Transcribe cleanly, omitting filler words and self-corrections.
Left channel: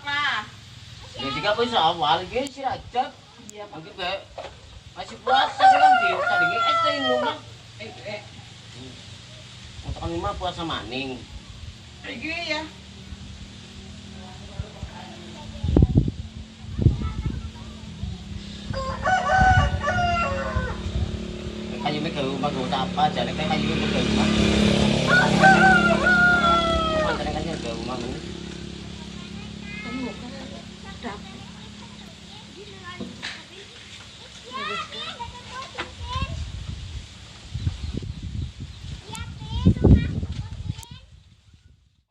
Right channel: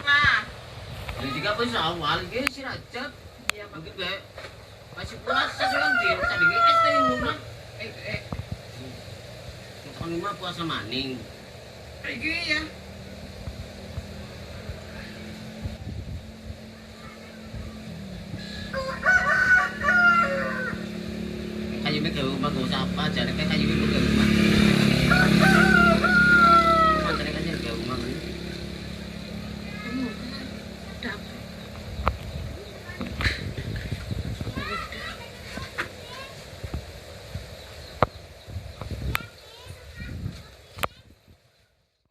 lah. Ya juga bisa awal dia si Rajab. Iya, Pak. Gitu ya. Masih puasa kan dia tadi tadi rumah. Masakan rumah puasa maning. Pergi ya. Kayu ini ke rumah gak usah apa, jadi kayu ini ke rumah.